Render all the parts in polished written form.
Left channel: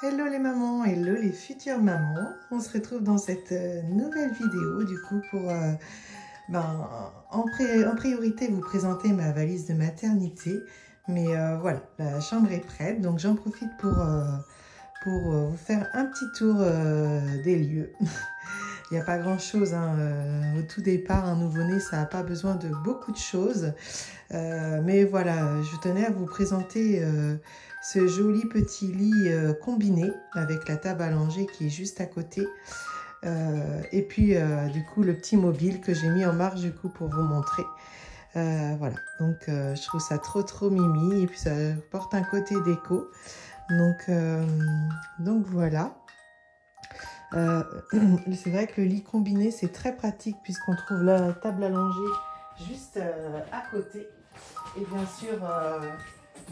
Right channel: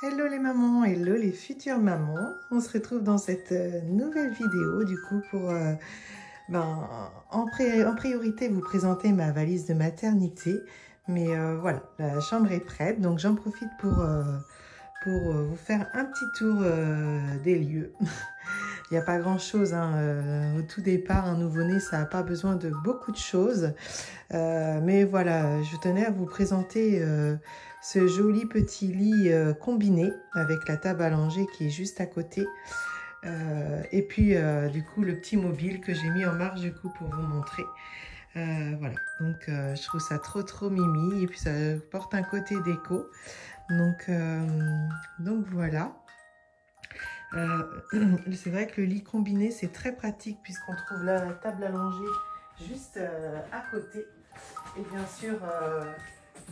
Hello les mamans, hello les futures mamans. On se retrouve dans cette nouvelle vidéo du coup pour en priorité vous présenter ma valise de maternité. Mais voilà, la chambre est prête, donc j'en profite pour vous faire un petit tour des lieux. Il n'y a pas grand chose, hein. Au tout départ, un nouveau-né, ça n'a pas besoin de beaucoup de choses. Mais voilà, je tenais à vous présenter ce joli petit lit combiné avec la table à langer qui est juste à côté. Et puis du coup le petit mobile que j'ai mis en marge du coup pour vous montrer. Voilà, donc je trouve ça trop mimi et puis ça porte un côté déco. Donc voilà. C'est vrai que le lit combiné c'est très pratique puisqu'on trouve la table à langer juste à côté. Et bien sûr,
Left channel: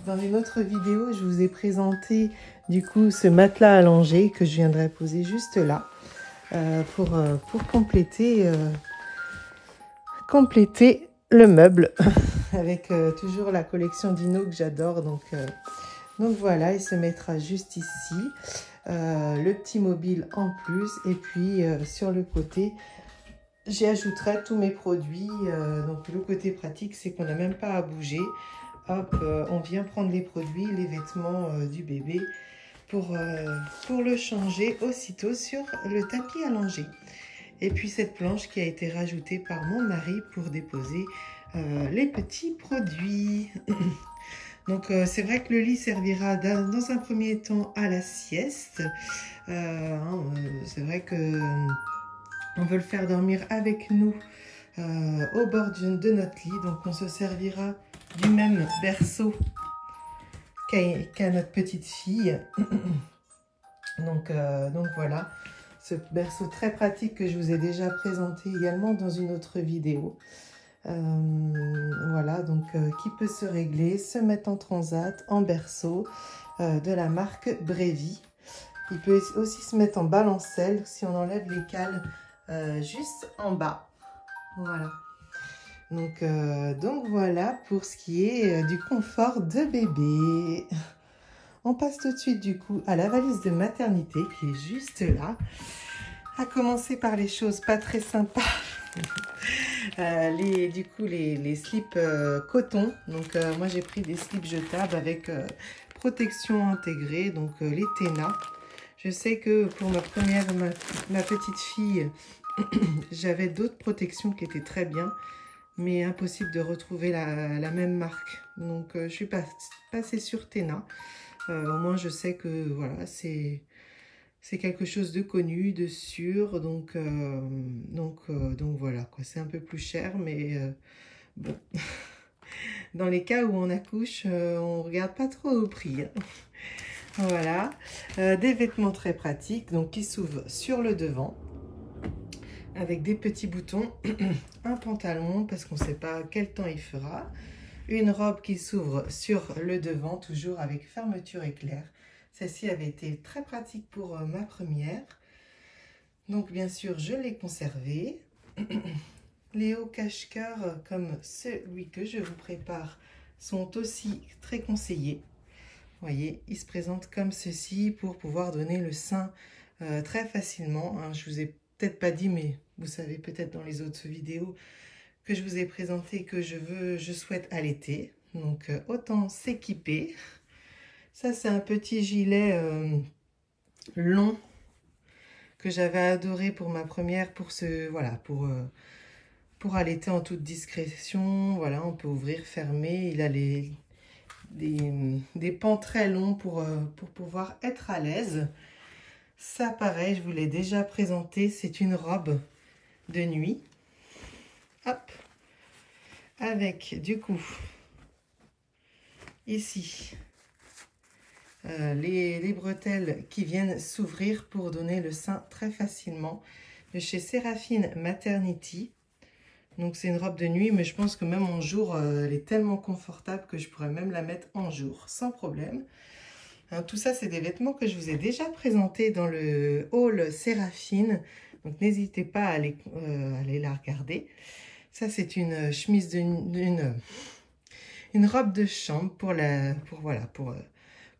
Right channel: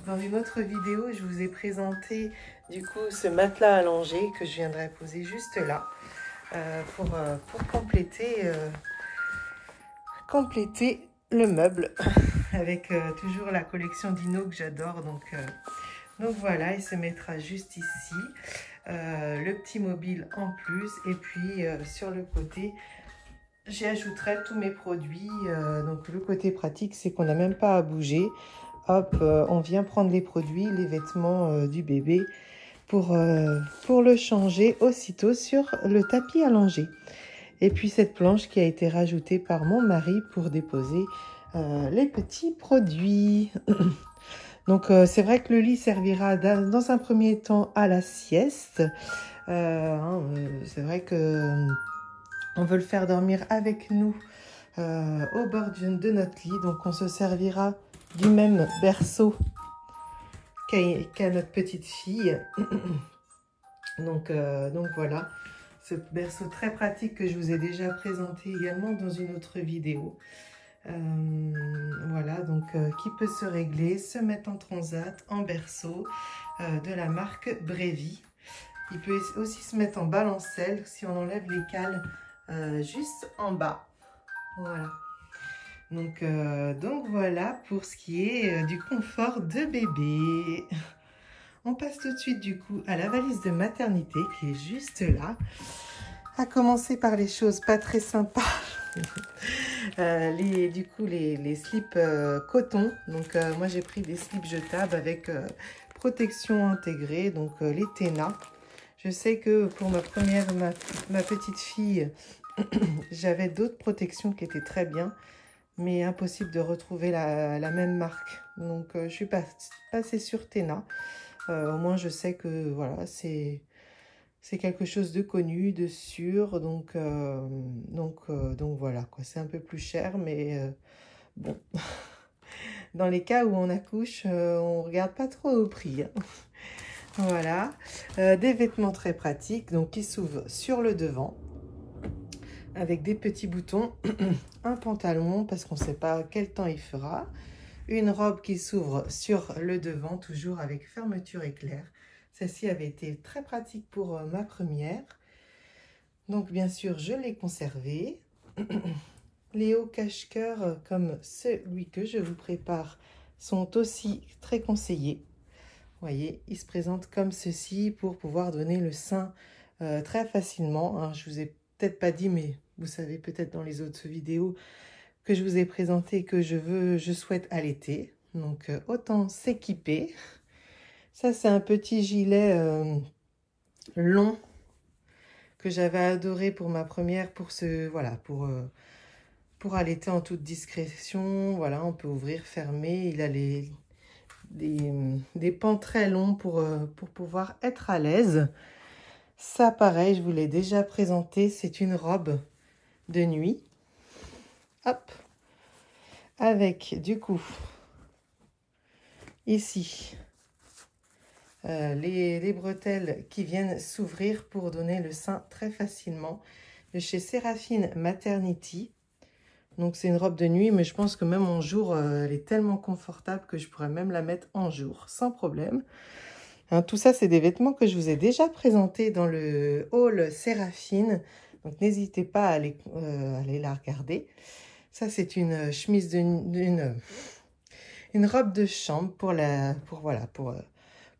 dans une autre vidéo, je vous ai présenté du coup ce matelas allongé que je viendrai poser juste là pour compléter le meuble avec toujours la collection Dino que j'adore. Donc voilà, il se mettra juste ici. Le petit mobile en plus et puis sur le côté j'y ajouterai tous mes produits. Donc le côté pratique c'est qu'on n'a même pas à bouger. Hop, on vient prendre les produits, les vêtements du bébé pour le changer aussitôt sur le tapis allongé. Et puis cette planche qui a été rajoutée par mon mari pour déposer les petits produits. Donc c'est vrai que le lit servira dans un premier temps à la sieste. C'est vrai que on veut le faire dormir avec nous au bord de notre lit. Donc on se servira du même berceau qu'à notre petite fille. donc voilà, ce berceau très pratique que je vous ai déjà présenté également dans une autre vidéo. Voilà, donc qui peut se régler, se mettre en transat, en berceau de la marque Brevi. Il peut aussi se mettre en balancelle si on enlève les cales juste en bas. Voilà. Donc voilà pour ce qui est du confort de bébé. On passe tout de suite du coup à la valise de maternité qui est juste là. À commencer par les choses pas très sympas. Les slips coton. Donc moi j'ai pris des slips jetables avec protection intégrée, donc les Téna. Je sais que pour ma petite fille, j'avais d'autres protections qui étaient très bien, mais impossible de retrouver la même marque. Donc je suis passée sur Téna. Au moins je sais que voilà, c'est quelque chose de connu, de sûr. Donc voilà quoi, c'est un peu plus cher, mais bon. Dans les cas où on accouche, on regarde pas trop au prix, hein. Voilà, des vêtements très pratiques, donc qui s'ouvrent sur le devant avec des petits boutons, un pantalon parce qu'on ne sait pas quel temps il fera, une robe qui s'ouvre sur le devant, toujours avec fermeture éclair. Celle-ci avait été très pratique pour ma première, donc bien sûr je l'ai conservée. Les hauts cache-cœur comme celui que je vous prépare sont aussi très conseillés. Vous voyez, il se présente comme ceci pour pouvoir donner le sein très facilement, hein. Je vous ai peut-être pas dit, mais vous savez peut-être dans les autres vidéos que je vous ai présenté que je souhaite allaiter. Donc autant s'équiper. Ça c'est un petit gilet long que j'avais adoré pour ma première, pour allaiter en toute discrétion. Voilà, on peut ouvrir, fermer. Il a des pans très longs pour pouvoir être à l'aise. Ça pareil, je vous l'ai déjà présenté, c'est une robe de nuit. Hop, avec du coup ici les bretelles qui viennent s'ouvrir pour donner le sein très facilement, de chez Séraphine Maternity. Donc c'est une robe de nuit, mais je pense que même en jour, elle est tellement confortable que je pourrais même la mettre en jour, sans problème. Hein, tout ça, c'est des vêtements que je vous ai déjà présentés dans le haul Séraphine. Donc n'hésitez pas à aller la regarder. Ça, c'est une chemise une robe de chambre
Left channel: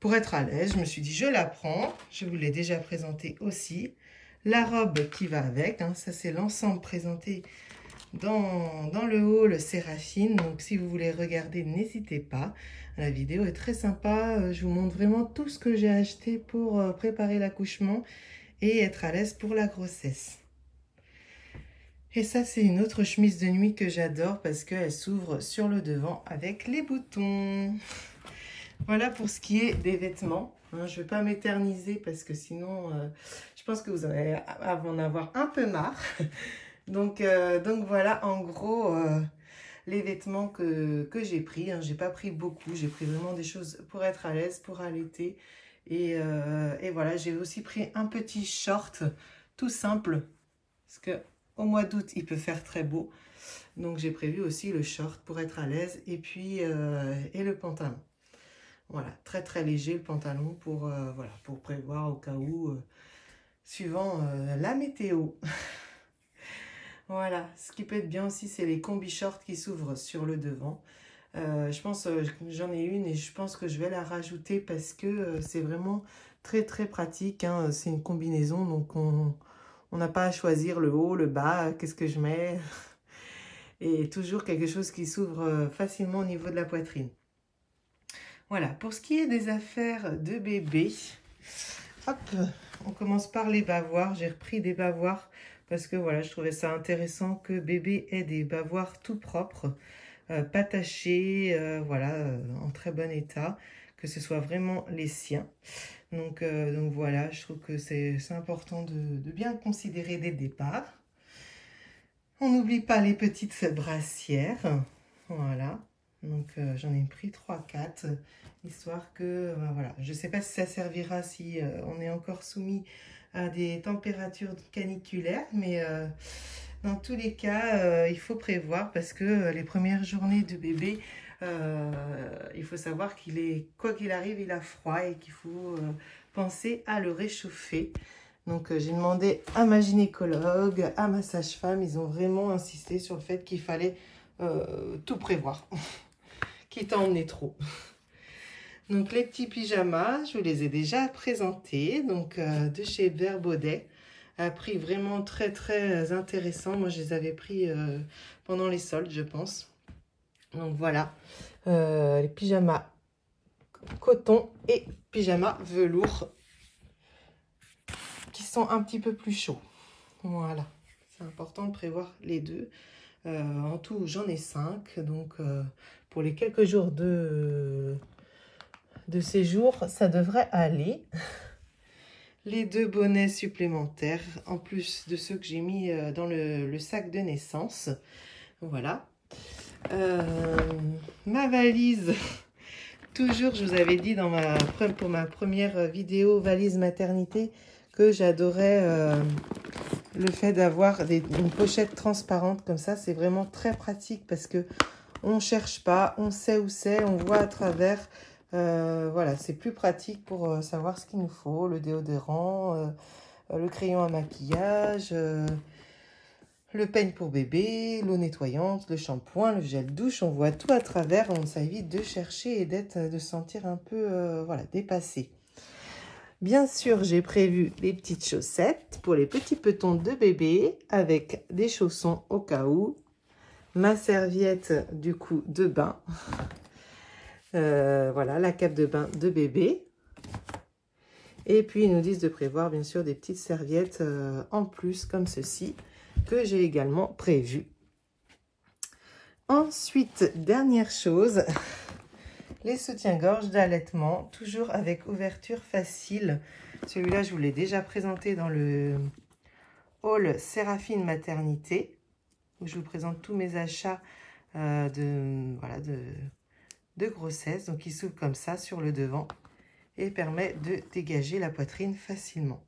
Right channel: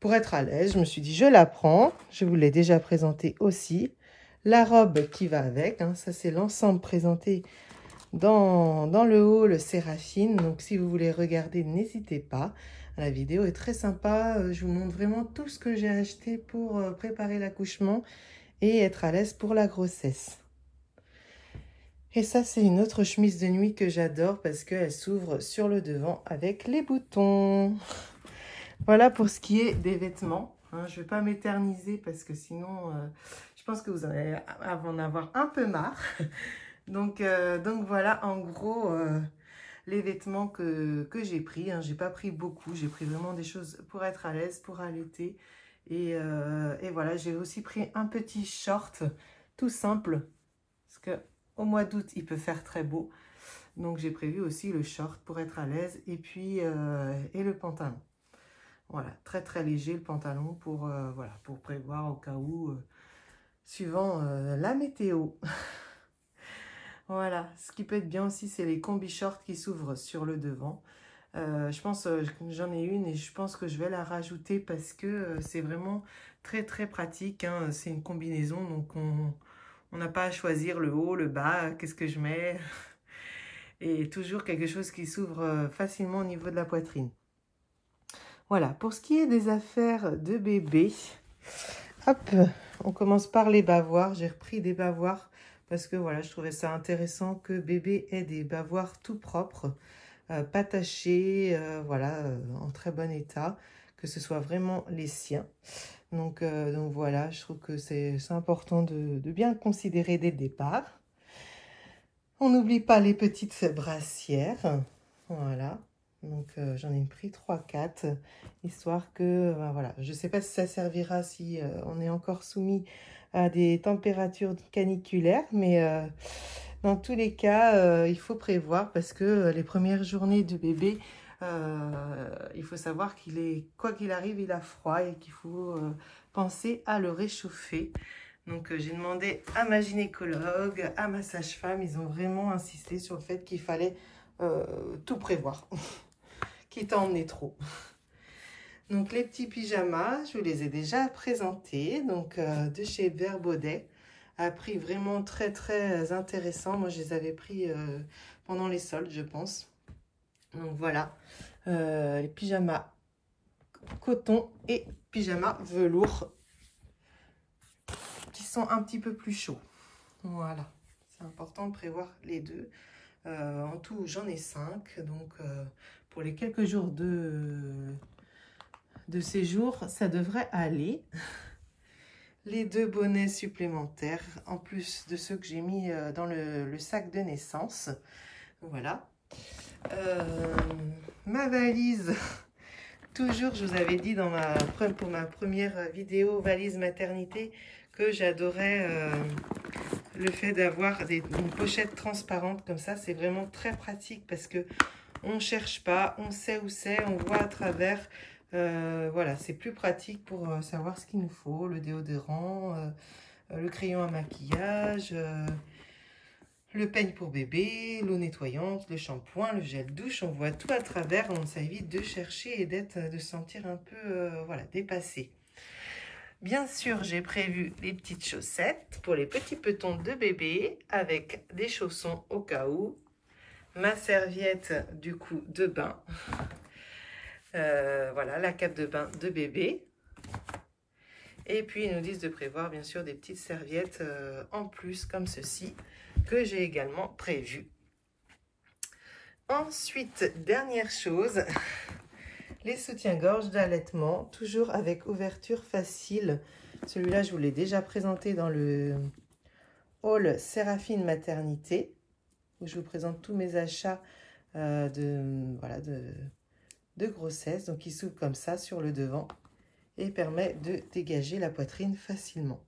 pour être à l'aise, je me suis dit, je la prends. Je vous l'ai déjà présenté aussi. La robe qui va avec, hein, ça c'est l'ensemble présenté dans le haul Séraphine. Donc, si vous voulez regarder, n'hésitez pas. La vidéo est très sympa. Je vous montre vraiment tout ce que j'ai acheté pour préparer l'accouchement et être à l'aise pour la grossesse. Et ça, c'est une autre chemise de nuit que j'adore parce qu'elle s'ouvre sur le devant avec les boutons. Voilà pour ce qui est des vêtements. Hein, je ne vais pas m'éterniser parce que sinon, je pense que vous allez en avoir un peu marre. Donc voilà, en gros, les vêtements que j'ai pris. Hein, je n'ai pas pris beaucoup. J'ai pris vraiment des choses pour être à l'aise, pour allaiter. Et voilà, j'ai aussi pris un petit short tout simple. Parce qu'au mois d'août, il peut faire très beau. Donc, j'ai prévu aussi le short pour être à l'aise. Et puis, et le pantalon. Voilà, très très léger le pantalon pour, voilà, pour prévoir au cas où, suivant la météo. Voilà, ce qui peut être bien aussi, c'est les combi shorts qui s'ouvrent sur le devant. Je pense, j'en ai une et je pense que je vais la rajouter parce que c'est vraiment très très pratique. Hein. C'est une combinaison, donc on n'a pas à choisir le haut, le bas, qu'est-ce que je mets. Et toujours quelque chose qui s'ouvre facilement au niveau de la poitrine. Voilà, pour ce qui est des affaires de bébé, hop, on commence par les bavoirs. J'ai repris des bavoirs parce que voilà, je trouvais ça intéressant que bébé ait des bavoirs tout propres, pas tachés, voilà, en très bon état, que ce soit vraiment les siens. Donc voilà, je trouve que c'est important de bien considérer dès le départ. On n'oublie pas les petites brassières, voilà. Donc, j'en ai pris 3-4, histoire que, voilà, je ne sais pas si ça servira si on est encore soumis à des températures caniculaires, mais dans tous les cas, il faut prévoir parce que les premières journées de bébé, il faut savoir qu'il est, quoi qu'il arrive, il a froid et qu'il faut penser à le réchauffer. Donc, j'ai demandé à ma gynécologue, à ma sage-femme, ils ont vraiment insisté sur le fait qu'il fallait tout prévoir. Quitte à emmener trop. Donc les petits pyjamas, je vous les ai déjà présentés, donc de chez Verbaudet, à prix vraiment très très intéressant. Moi je les avais pris pendant les soldes, je pense. Donc voilà, les pyjamas coton et pyjamas velours qui sont un petit peu plus chauds. Voilà, c'est important de prévoir les deux. En tout, j'en ai 5, donc pour les quelques jours de séjour, ça devrait aller. Les 2 bonnets supplémentaires, en plus de ceux que j'ai mis dans le sac de naissance. Voilà. Ma valise, toujours, je vous avais dit pour ma première vidéo valise maternité que j'adorais le fait d'avoir une pochette transparente comme ça. C'est vraiment très pratique parce que on ne cherche pas, on sait où c'est, on voit à travers. Voilà, c'est plus pratique pour savoir ce qu'il nous faut, le déodorant, le crayon à maquillage, le peigne pour bébé, l'eau nettoyante, le shampoing, le gel douche, on voit tout à travers, ça évite de chercher et de se sentir un peu voilà, dépassé. Bien sûr, j'ai prévu les petites chaussettes pour les petits petons de bébé avec des chaussons au cas où, ma serviette du coup de bain. Voilà, la cape de bain de bébé. Et puis, ils nous disent de prévoir, bien sûr, des petites serviettes en plus, comme ceci, que j'ai également prévu. Ensuite, dernière chose, les soutiens-gorge d'allaitement, toujours avec ouverture facile. Celui-là, je vous l'ai déjà présenté dans le haul Séraphine Maternité, où je vous présente tous mes achats de grossesse. Donc, il s'ouvre comme ça sur le devant et permet de dégager la poitrine facilement.